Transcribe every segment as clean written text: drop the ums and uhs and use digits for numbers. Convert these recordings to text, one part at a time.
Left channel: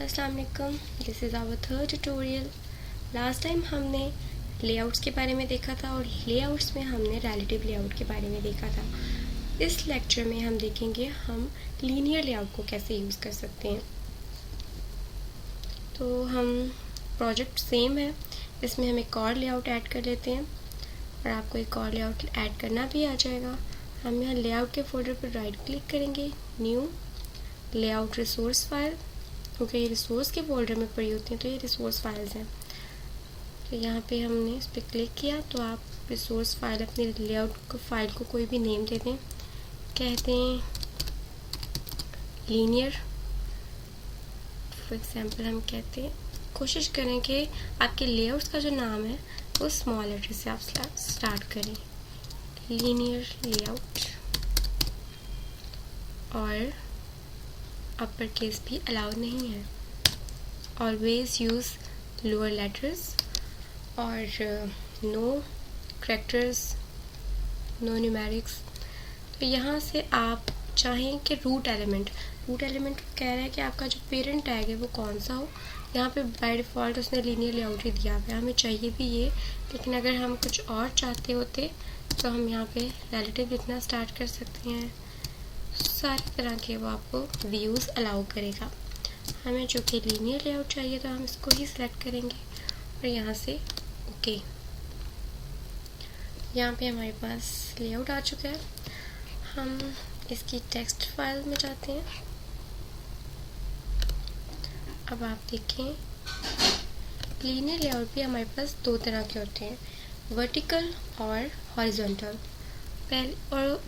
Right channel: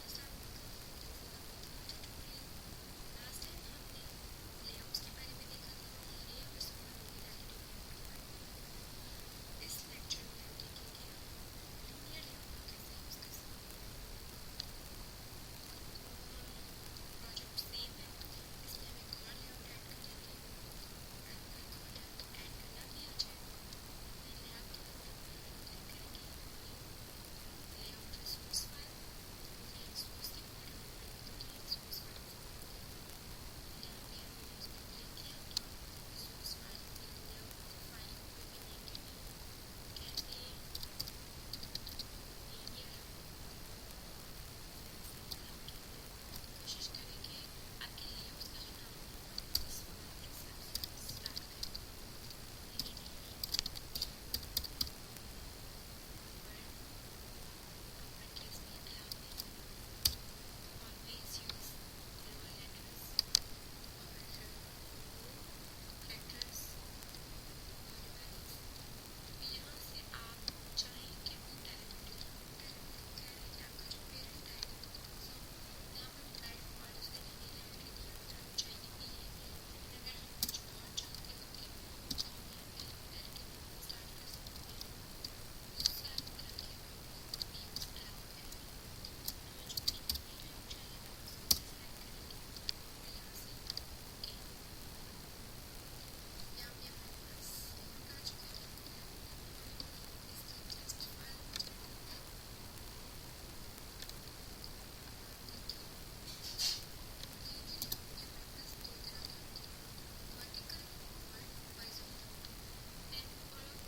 अस्सलाम वालेकुम, this is our third tutorial. Last time हमने लेआउट्स के बारे में देखा था और लेआउट्स में हमने रिलेटिव लेआउट के बारे में देखा था। इस लेक्चर में हम देखेंगे हम लीनियर लेआउट को कैसे यूज़ कर सकते हैं। तो हम प्रोजेक्ट सेम है, इसमें हम एक और लेआउट ऐड कर लेते हैं और आपको एक और लेआउट ऐड करना भी आ जाएगा। हम यहाँ लेआउट के फोल्डर पर राइट क्लिक करेंगे, न्यू लेआउट रिसोर्स फाइल, क्योंकि ये रिसोर्स के फोल्डर में पड़ी होती हैं तो ये रिसोर्स फाइल्स हैं। तो यहाँ पे हमने इस पर क्लिक किया तो आप रिसोर्स फाइल अपनी लेआउट फाइल को कोई भी नेम दे दें, कहते हैं लीनियर फॉर एग्जांपल। हम कहते हैं कोशिश करें कि आपके लेआउट्स का जो नाम है वो स्मॉल लेटर से आप स्टार्ट करें, लीनियर लेआउट, और अपर केस भी अलाउड नहीं है। ऑलवेज यूज़ लोअर लेटर्स और नो करैक्टर्स, नो न्यूमेरिक्स। तो यहाँ से आप चाहें कि रूट एलिमेंट कह रहा है कि आपका जो पेरेंट टैग है वो कौन सा हो। यहाँ पे बाय डिफ़ॉल्ट उसने लीनियर लेआउट ही दिया हुआ है, हमें चाहिए भी ये, लेकिन अगर हम कुछ और चाहते होते तो हम यहाँ पे रिलेटिव लिखना स्टार्ट कर सकते हैं। सारी तरह के वो आपको व्यूज़ अलाउ करेगा। हमें जो कि लीनियर लेआउट चाहिए तो हम इसको ही सिलेक्ट करेंगे और यहाँ से ओके। यहाँ पे हमारे पास लेआउट आ चुका है। हम इसकी टेक्स्ट फाइल में जाते हैं। अब आप देखें लीनियर लेआउट भी हमारे पास दो तरह के होते हैं, वर्टिकल और हॉरिजॉन्टल। और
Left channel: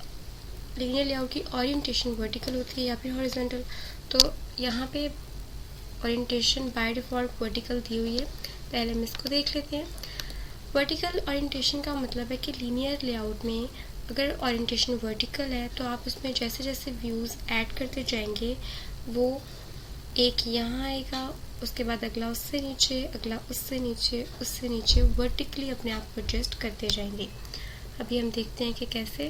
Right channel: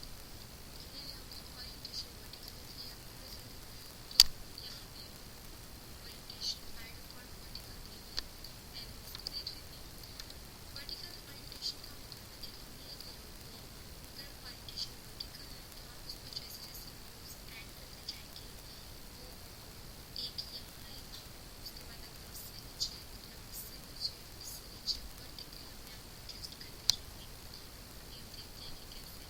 लीनियर लेआउट की ओरिएंटेशन वर्टिकल होती है या फिर हॉरिजॉन्टल। तो यहाँ पे ओरिएंटेशन बाय डिफ़ॉल्ट वर्टिकल दी हुई है। पहले हम इसको देख लेते हैं। वर्टिकल ओरिएंटेशन का मतलब है कि लीनियर लेआउट में अगर ओरिएंटेशन वर्टिकल है तो आप उसमें जैसे जैसे व्यूज़ ऐड करते जाएंगे वो एक यहाँ आएगा, उसके बाद अगला उससे नीचे, अगला उससे नीचे, उससे नीचे वर्टिकली अपने आप को एडजस्ट करते जाएंगे। अभी हम देखते हैं कि कैसे।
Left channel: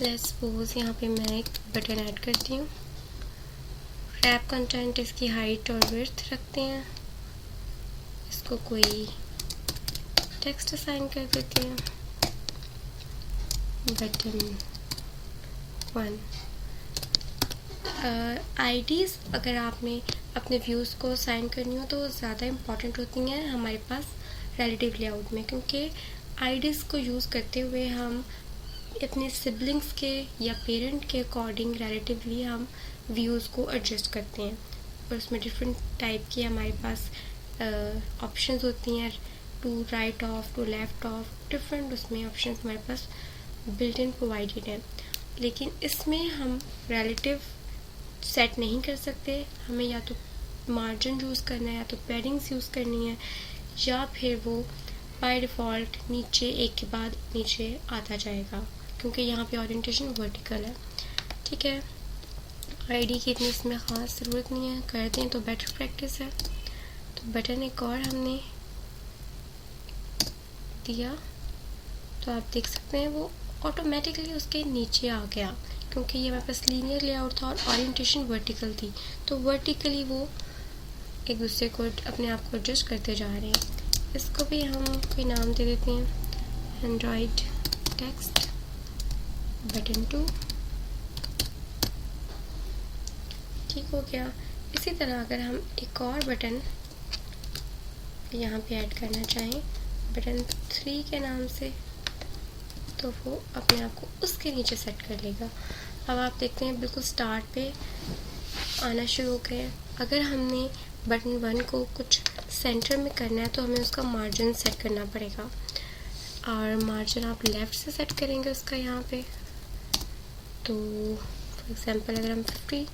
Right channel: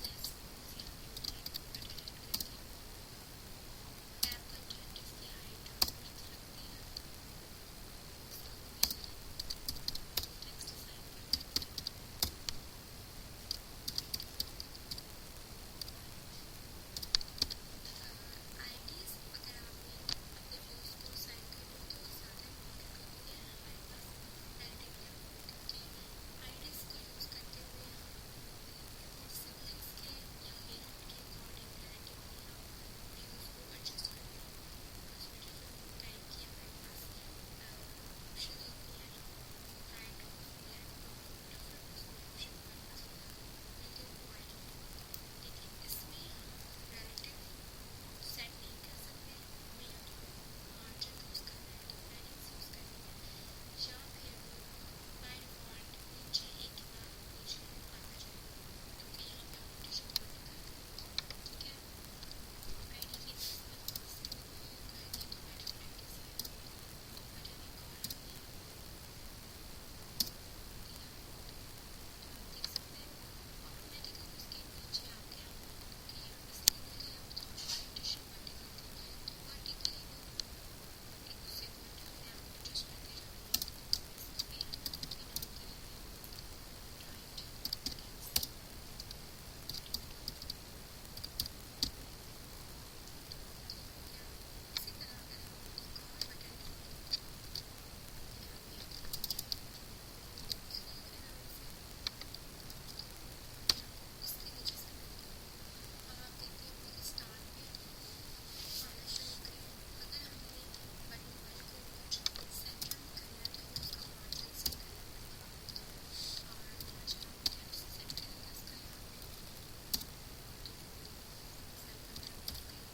लेट्स सपोज यहाँ पे मैं एक बटन ऐड करती हूँ। रैप कंटेंट इसकी हाइट और विड्थ रखते हैं, इसको कोई टेक्स्ट असाइन कर देते हैं, बटन 1। आईडीज़ अगर आपने अपने व्यूज़ को असाइन करनी हो तो ज़्यादा इम्पॉर्टेंट होती हैं हमारे पास रिलेटिव लेआउट में, क्योंकि आईडीज़ को यूज़ करते हुए हम अपने सिबलिंग्स के या पेरेंट के अकॉर्डिंग रिलेटिवली हम व्यूज़ को एडजस्ट करते हैं। और उसमें डिफरेंट टाइप की हमारे पास ऑप्शंस होती हैं, to right of, to left of, different उसमें ऑप्शंस हमारे पास बिल्ट इन प्रोवाइडेड हैं। लेकिन इसमें हम रिलेटिव सेट नहीं कर सकते। हमें या तो मार्जिन यूज़ करना है या तो पैडिंग्स यूज़ करनी है, या फिर वो बाय डिफ़ॉल्ट नीचे एक के बाद नीचे आता जाएगा, क्योंकि यहाँ पे ओरिएंटेशन वर्टिकल है। ठीक है, आईडी की इतनी इसमें ख़ास ज़रूरत नहीं है, कर दें तो बेटर प्रैक्टिस है। तो बटन एक और हमने दिया तो आप देख सकते हैं वो ऑटोमेटिकली उसके नीचे आ गया, क्योंकि ये हमारे पास लीनियर लेआउट था और ओरिएंटेशन वर्टिकल थी, तो वर्टिकली वो एक दूसरे को अपने आप को एडजस्ट करते जा रहे हैं। इसको भी हम कोई नाम दे देते हैं, एंड्रॉयड टेक्स्ट बटन 2। ठीक हो गया। इसी तरह अगर हम एक और बटन यहाँ पे ऐड करना चाहें बटन 3 के नाम से, तो वो अपने आप को उसके नीचे सेट कर लेगा। अब आप देखते हैं बिल्कुल स्टार्ट पे आना शुरू हो गए। अगर हमने बटन 1 को कुछ सेंटर में करना है तो हमें उसका मार्जिन सेट करना पड़ेगा, और मार्जिन आप लेफ़्ट से सेट करेंगे उसका यहाँ पे। तो फॉर एग्जांपल अगर हम 50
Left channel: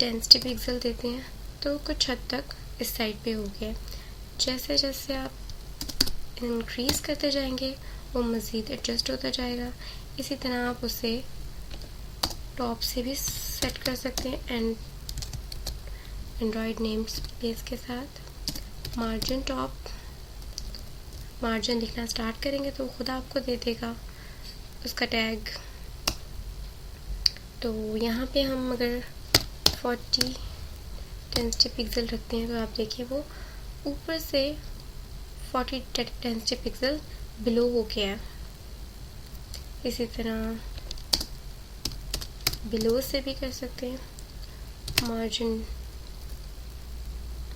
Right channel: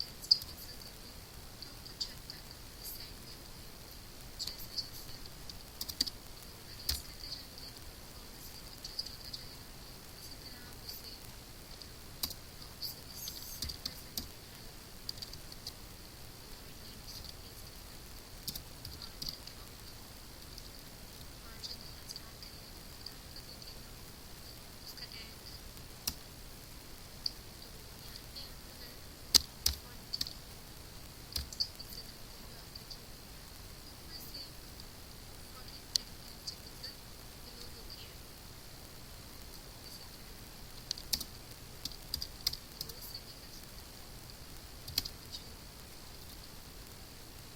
डेंसिटी पिक्सल देते हैं तो कुछ हद तक इस साइड पे हो गया। जैसे जैसे आप इंक्रीज़ करते जाएंगे वो मज़ीद एडजस्ट होता जाएगा। इसी तरह आप उसे टॉप से भी सेट कर सकते हैं एंड्रॉयड नेम स्पेस के साथ। मार्जिन टॉप, मार्जिन लिखना स्टार्ट करेंगे तो खुद आपको दे देगा उसका टैग। तो यहाँ पे हम अगर 40 डेंसिटी पिक्सल रखते हैं तो आप देखिए वो ऊपर से 40 डेंसिटी पिक्सल बिलो हो गया है। इसी तरह बिलो से भी कर सकते हैं, मार्जिन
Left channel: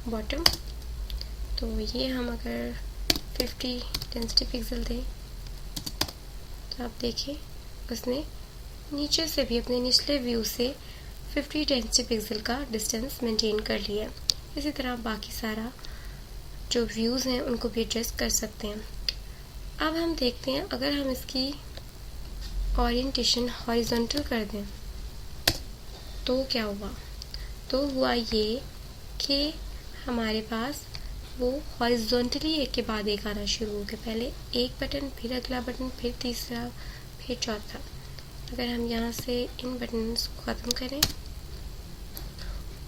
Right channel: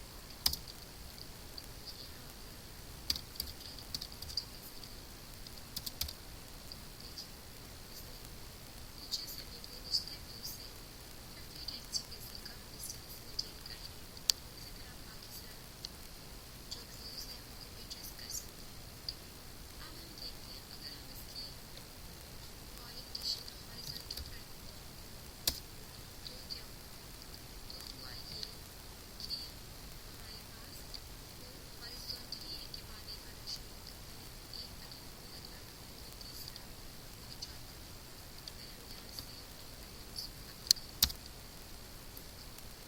बॉटम। तो ये हम अगर 50 डेंसिटी पिक्सल दें तो आप देखिए उसने नीचे से भी अपने निचले व्यू से 50 डेंसिटी पिक्सल का डिस्टेंस मेंटेन कर लिया। इसी तरह बाकी सारा जो व्यूज़ हैं उनको भी एडजस्ट कर सकते हैं। अब हम देखते हैं अगर हम इसकी ओरिएंटेशन हॉरिजॉन्टल कर दें तो क्या हुआ। तो हुआ ये कि हमारे पास वो हॉरिजॉन्टली एक के बाद एक आना शुरू हो गया। पहले एक बटन, फिर अगला बटन, फिर तीसरा, फिर चौथा। अगर हम यहाँ से इन बटन्स को ख़त्म करें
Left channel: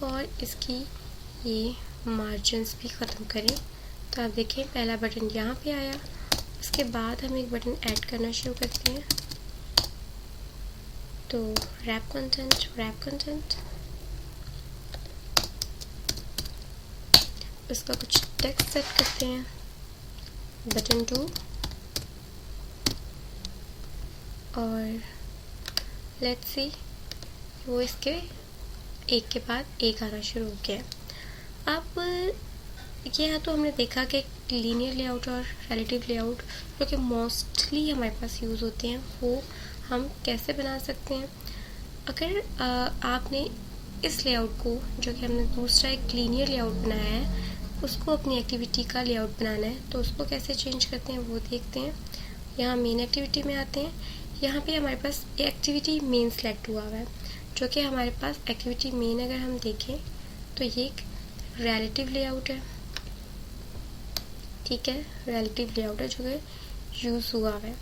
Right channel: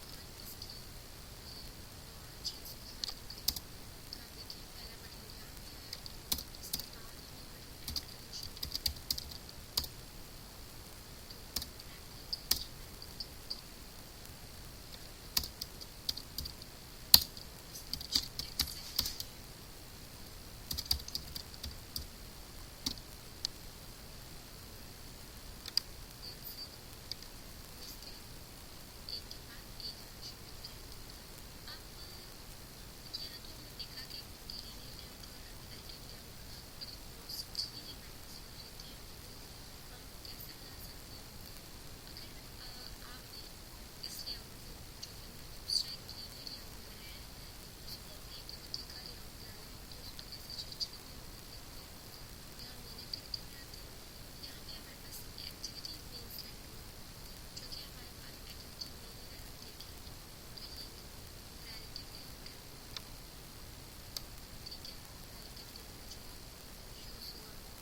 और इसकी ये मार्जिन्स भी ख़त्म करें तो आप देखें पहला बटन यहाँ पे आया। उसके बाद हम एक बटन ऐड करना शुरू करते हैं, तो रैप कंटेंट, उसका कुछ टेक्स्ट सेट करते हैं, बटन 2, और लेट्स सी वो इसके एक के बाद एक आना शुरू हो गया। अब यह तो हमने देखा कि लीनियर लेआउट और रिलेटिव लेआउट जो कि मोस्टली हमारे पास यूज़ होते हैं वो हम कैसे बना सकते हैं। अगर आपने इस लेआउट को, जो कि हमने दूसरा एक लीनियर लेआउट बनाया है, उसको अपनी एक्टिविटी का लेआउट बनाना है तो उसको कैसे चेंज करते हैं वो देखते हैं। यहाँ मेन एक्टिविटी में आते हैं। यहाँ पे हमारे पास एक्टिविटी मेन सेलेक्ट हुआ है, जो कि हमारे पास एक्टिविटी मेन अगर हम देखें तो ये एक रिलेटिव लेआउट है। ठीक है, रिलेटिव लेआउट है जो कि यूज़ हुआ है।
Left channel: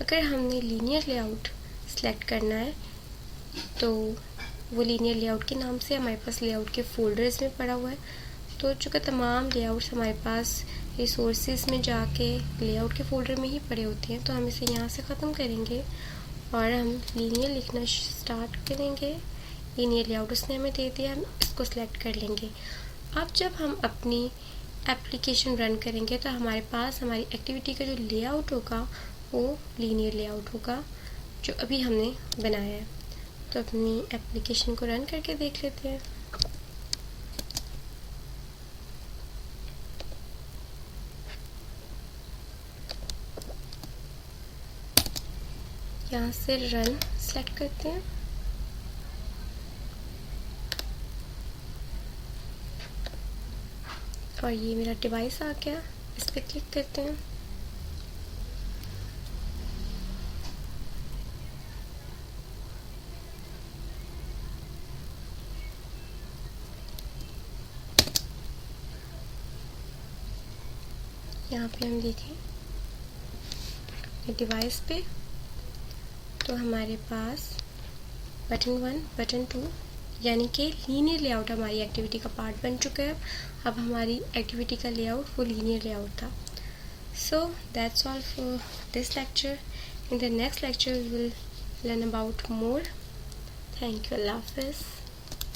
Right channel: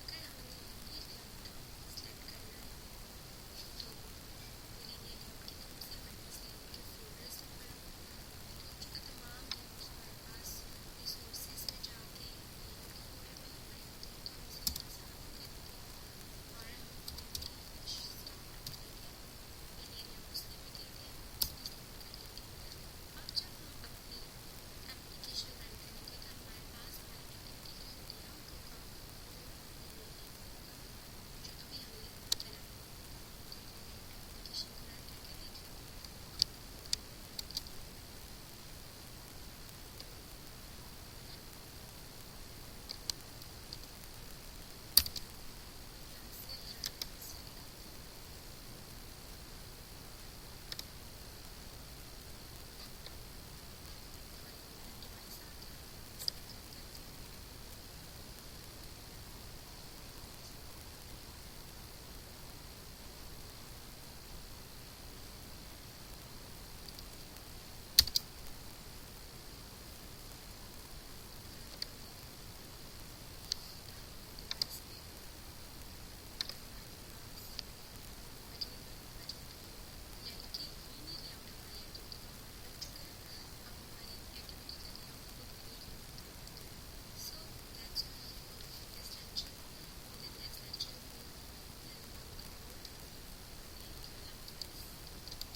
अगर हमने लीनियर लेआउट सेलेक्ट करना है तो वो लीनियर लेआउट के नाम से हमारे पास लेआउट के फोल्डर्स में पड़ा हुआ है। तो चूँकि तमाम लेआउट्स हमारे पास रिसोर्सेज में जाके लेआउट के फोल्डर में ही पड़े होते हैं, तो हम इसे यहाँ से ख़त्म करेंगे और हम लीनियर लिखना स्टार्ट करेंगे। लीनियर लेआउट उसने हमें दे दिया, हम इसको सिलेक्ट कर लेंगे। अब जब हम अपनी एप्लीकेशन रन करेंगे तो हमारे पास हमारी एक्टिविटी का जो लेआउट होगा वो लीनियर लेआउट होगा जो अभी हमने बनाया है। तो अपनी एप्लीकेशन को रन करके देख लेते हैं। यहाँ से रन सेलेक्ट करते हैं और ये मेरा डिवाइस आ गया, इस पर क्लिक करते हैं। यहाँ पे हम देखें डिवाइस पे तो हमारे पास बटन 1, बटन 2 यानी कि लीनियर लेआउट हमारी एक्टिविटी का पार्ट बन चुका है। अब हमारी एक्टिविटी का लेआउट वो लीनियर लेआउट था। So that's all for this lecture. In the next lecture we will learn about more. Thank you. Allah Hafiz.